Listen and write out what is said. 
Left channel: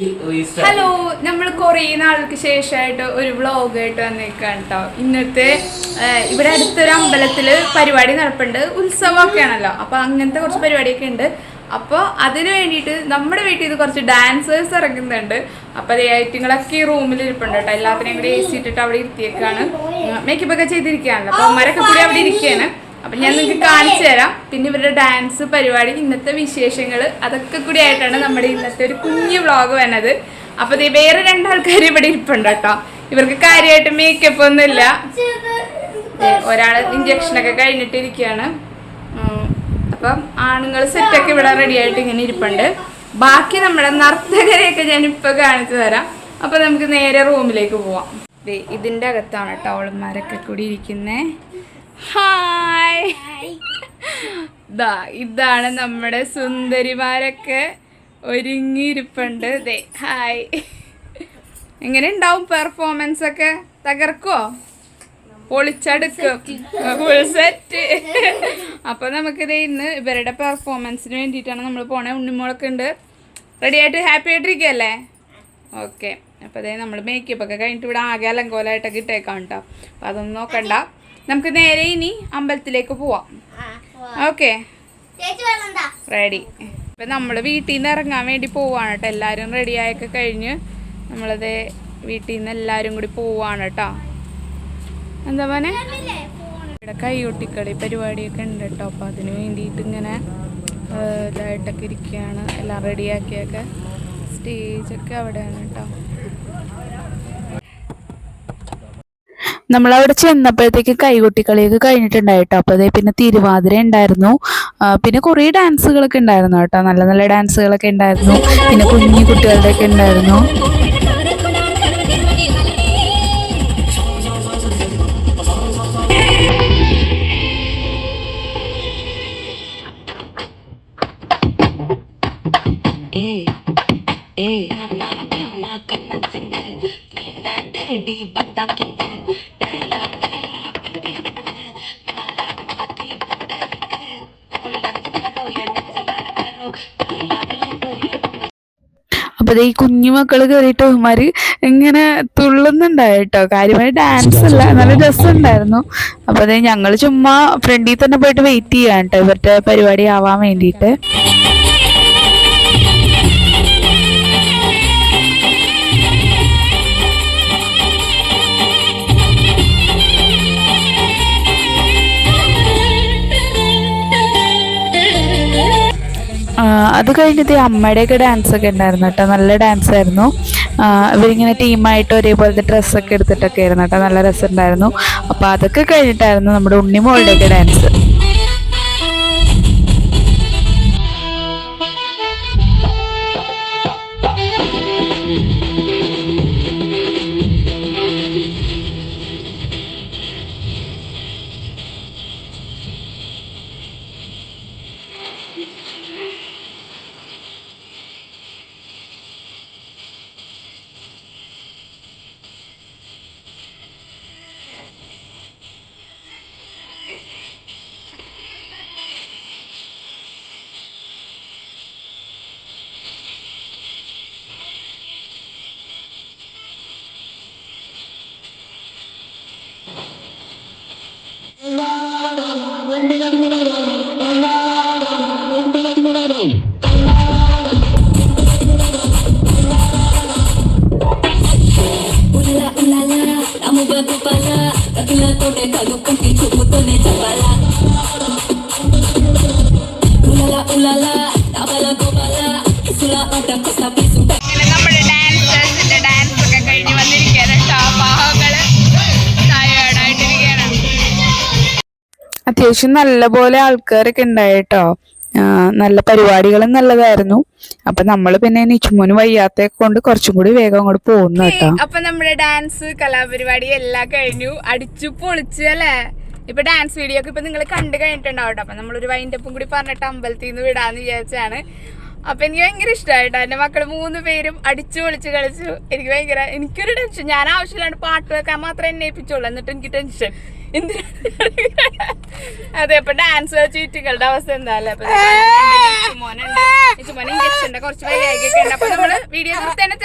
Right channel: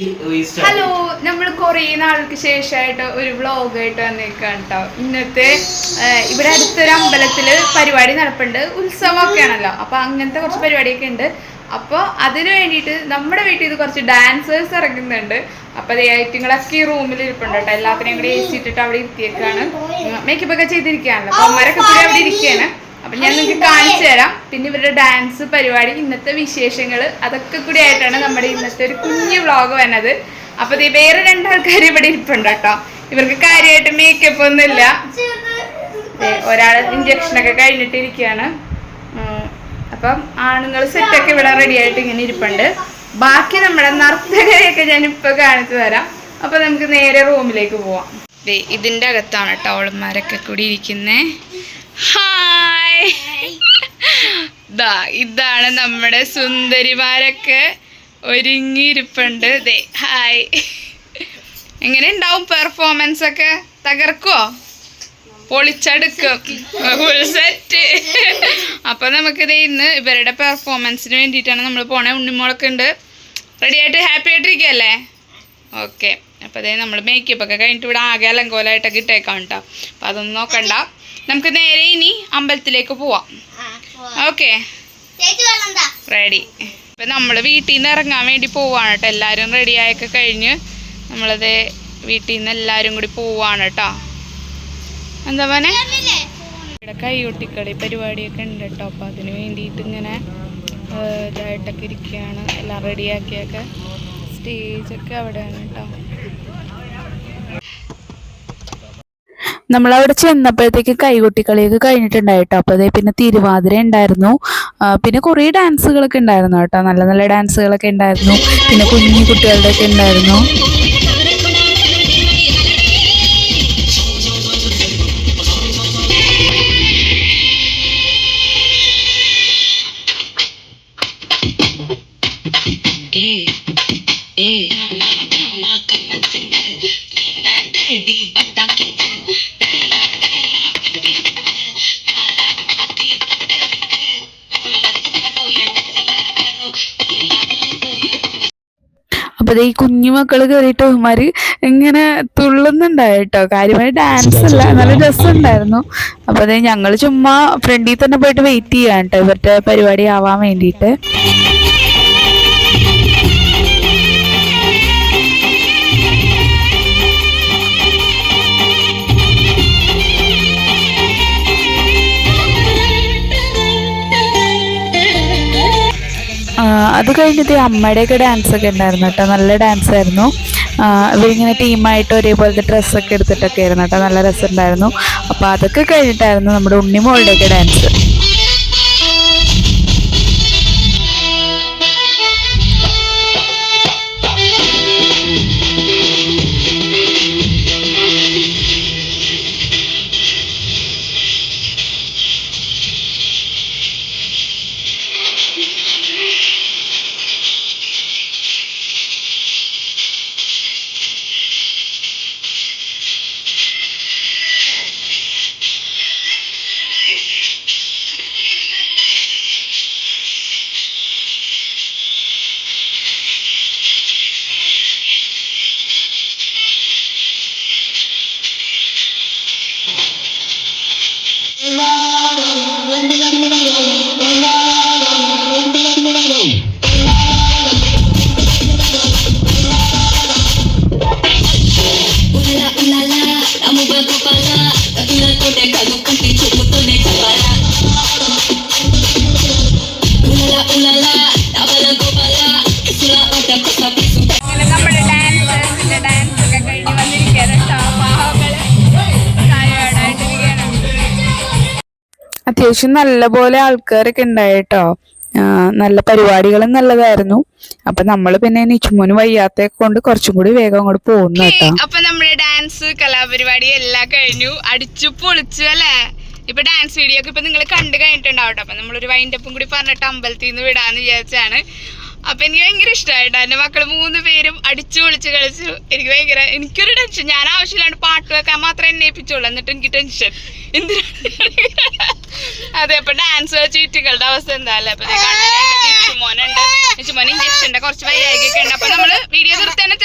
Hello, നമ്മൾ കുറേ നാൾക്ക് ശേഷമായിട്ട് ഒരു വ്ളോഗായിട്ട് വന്നേക്കാണ് കേട്ടോ. ഇന്നത്തെ ഇവിടെ അടുത്തൊരു അമ്പലത്തിൽ പരിപാടി നടപ്പുണ്ട്. ഉത്സവമൊക്കെ ആണല്ലോ, അപ്പോൾ അങ്ങനത്തെ കുറച്ച് പരിപാടിയൊക്കെ ഉണ്ട്. അപ്പോൾ അതിന് വേണ്ടിയിട്ട് നമ്മുടെ വീട്ടിൽ ഇത് കുറച്ച് ഡാൻസേഴ്സ് ഇറങ്ങുന്നുണ്ട്. അപ്പോൾ അതേ ഐറ്റങ്ങളൊക്കെ ഈ റൂമിൽ ഇരിപ്പുണ്ട് കേട്ടോ. എല്ലാത്തിനെയും കൂടി AC ഇട്ടിട്ട് അവിടെ ഇരുത്തിയേക്കാണ്. മേക്കപ്പ് ഒക്കെ ചെയ്തിരിക്കുകയാണല്ലോ, അപ്പോൾ അമ്മരൊക്കെ കൂടി അവിടെ ഇരിക്കുകയാണ്. അപ്പം ഞാൻ നിങ്ങൾക്ക് കാണിച്ചു തരാം. പിന്നെ ഇവരുടെ ഡാൻസ് പരിപാടി, ഇന്നത്തെ വിശേഷങ്ങൾ, അതൊക്കെ കൂടി ആയിട്ടാണ് നമ്മുടെ ഇന്നത്തെ ഒരു കുഞ്ഞു വ്ളോഗ് വന്നത്. അപ്പോൾ ഇത് വേറെ രണ്ടാൾക്കാർ ഇവിടെ ഇരിപ്പുണ്ട് കേട്ടോ. ഇവർക്ക് കാര്യമായിട്ട് മേക്കപ്പ് ഒന്നുമില്ല. ഒരാൾ ഇഞ്ചക്ഷനൊക്കെ കഴിഞ്ഞിട്ടിരിക്കുകയാണ്. അപ്പം ആണുങ്ങൾ സെറ്റൊക്കെ ഇവിടെ റെഡി ആയിട്ട് ഇങ്ങനെ ഇരിപ്പുണ്ട്. ബാക്കി നമ്മുടെ നർത്തകരെയൊക്കെ ഞാനിപ്പോൾ കാണിച്ചു തരാം. അപ്പോൾ നമുക്ക് നേരെ റൂമിലേക്ക് പോവാം. ഇതിൻ്റെ അകത്താണ് കേട്ടോ അവളന്മാരൊക്കെ കൂടി ഇരിക്കുന്നത്. ഹായ്, ഇതാണ് നമ്മുടെ സുന്ദരിമാരൊക്കെ ഒരുങ്ങിയിരിപ്പുണ്ട്. ഹായ്, എങ്ങനെ ഉണ്ടാവും പെർഫോമൻസ് ഒക്കെ? തകർക്കോ? പൊളിച്ചെടുക്കും ഫുൾ സെറ്റ്. അപ്പോൾ നമുക്കിത് ഇന്ന് ഇവരുടെ പെർഫോമൻസിന് വേണ്ടിയിട്ടാണ് നമ്മൾ പോണേ. ഉണ്ണിമോളൊക്കെ ഉണ്ട്, റെഡി ആയിട്ട് ഹാപ്പി ആയിട്ടിരിക്കുകയല്ലേ? ഓക്കെ. അപ്പോൾ അതേ നമ്മൾ മേക്കപ്പ് ഒക്കെ കഴിഞ്ഞിട്ട് ഇവിടെ ആകെ അലങ്കോലമായിട്ടൊക്കെ ഇട്ടേക്കാം കേട്ടോ. അപ്പോൾ അതൊന്നും നോക്കണ്ട, നമുക്ക് നേരെ ഇനി അമ്പലത്തിലേക്ക് പോവാം. Okay, ready. ഇപ്പം നമ്മൾ വീട്ടിൽ നിന്ന് ഇറങ്ങാൻ വേണ്ടി പോവാണ് കേട്ടോ. എല്ലാവരും റെഡിയായൊക്കെ കഴിഞ്ഞ് നമ്മളത് വീട്ടിൽ നിന്ന് എല്ലാവരും കൂടി പോവാണ് കേട്ടോ. എന്താ പറഞ്ഞേ, ഇവിടെ കൈകൊട്ടിക്കളി പരിപാടിയൊക്കെ ഉണ്ട് കേട്ടോ. അപ്പോൾ അതിന് വേണ്ടിയിട്ട് ഇങ്ങനെ ഇതായിട്ടൊക്കെ ഇരിക്കുകയാണ്. എല്ലാം റെഡിയാക്കിയൊക്കെ സ്റ്റേജൊക്കെ അവിടെയാണ് കേട്ടോ. നമ്മളവിടെ ചെന്നപ്പോഴത്തേക്ക് കൈകൊട്ടിക്കളിയൊക്കെ കഴിഞ്ഞിട്ടുണ്ടായിട്ടോ. അപ്പോൾ അതേ പിന്നെ തിരുവാതിര ഉണ്ടായിരുന്നു, പിന്നെ കുറേ ഡാൻസുകളൊക്കെ ഉണ്ടായിരുന്നു കേട്ടോ. നല്ല നല്ല ഡാൻസുകളൊക്കെ ഉണ്ടായിരുന്നു. പിന്നെ കുഞ്ഞു കുട്ടികളുടെയൊക്കെ ഉണ്ടായിരുന്നു. അപ്പോൾ ഈ കുഞ്ഞു മക്കൾ കയറിയിട്ട് അവന്മാർ ഇങ്ങനെ തുള്ളുന്നുണ്ടായിട്ടോ. കാര്യമായി ഡാൻസ് അല്ല, നല്ല രസമുണ്ടായിരുന്നു. അപ്പോൾ അതേ ഞങ്ങൾ ചുമ്മാ ഫ്രണ്ടിൽ തന്നെ പോയിട്ട് വെയിറ്റ് ചെയ്യാൻ കേട്ടോ ഇവരുടെ പരിപാടി ആവാൻ വേണ്ടിയിട്ട്. അത് കഴിഞ്ഞിട്ട് അമ്മയുടെയൊക്കെ ഡാൻസൊക്കെ ഉണ്ടായിരുന്നു കേട്ടോ. നല്ല ഡാൻസായിരുന്നു. ഇവരിങ്ങനെ ടീമായിട്ട് ഒരേപോലത്തെ ഡ്രസ്സൊക്കെ എടുത്തിട്ടൊക്കെ ആയിരുന്നു കേട്ടോ. നല്ല രസമുണ്ടായിരുന്നു. അപ്പോൾ അതൊക്കെ കഴിഞ്ഞിട്ടായിരുന്നു നമ്മുടെ ഉണ്ണിമോളുടെയൊക്കെ ഡാൻസ്. നമ്മുടെ ഡാൻസേഴ്സിന്റെ ഡാൻസ് ഒക്കെ കഴിഞ്ഞ് വന്നിരിക്കുകയാണ് കേട്ടോ. പാവങ്ങള് ടയേർഡായിട്ടിരിക്കുകയാണ്. അത്യാവശ്യം നല്ലപോലെ ആൾക്കാരൊക്കെ ഉണ്ടായിട്ടോ. നല്ല പരിപാടികളും നല്ലതായിരുന്നു. അപ്പൊ നമ്മള് പിന്നെ നിച്ചുമോന് വയ്യാത്ത കൊണ്ട് കുറച്ചും കൂടി വേഗം അങ്ങോട്ട് പോകുന്നു കേട്ടോ. അപ്പൊ നമ്മുടെ ഡാൻസ് കലാപരിപാടി എല്ലാം കഴിഞ്ഞു, അടിച്ചു പൊളിച്ചു അല്ലേ. ഇപ്പൊ ഡാൻസ് വീഡിയോ ഒക്കെ ഇപ്പൊ നിങ്ങൾ കണ്ടു കഴിഞ്ഞിട്ടുണ്ടാവട്ടെ. അപ്പൊ നമ്മളൊരു വൈൻഡപ്പും കൂടി പറഞ്ഞിട്ട് അമ്പലത്തിൽ നിന്ന് വിടാന്ന് വിചാരിച്ചാണ്. അപ്പൊ എനിക്ക് ഭയങ്കര ഇഷ്ടമായിട്ടോ. എന്റെ മക്കള് 3 പേരും അടിച്ചു പൊളിച്ച് കളിച്ചു. എനിക്കൊരു ടെൻഷൻ, ഞാൻ ആവശ്യമില്ലാണ്ട് പാട്ട് വെക്കാൻ മാത്രമേ എന്നെ ഏൽപ്പിച്ചോളൂ, എന്നിട്ട് എനിക്ക് ടെൻഷൻ അതെ. അപ്പൊ ഡാൻസ് ചീറ്റുകളുടെ അവസ്ഥ എന്താ അല്ലേ. അപ്പൊ മോനുണ്ട്, ഇഞ്ചക്ഷന്റെ കുറച്ച് വൈകാരികൊക്കെ ഉണ്ട്. അപ്പൊ നമ്മള് വീഡിയോ തീർത്ത് തന്നെ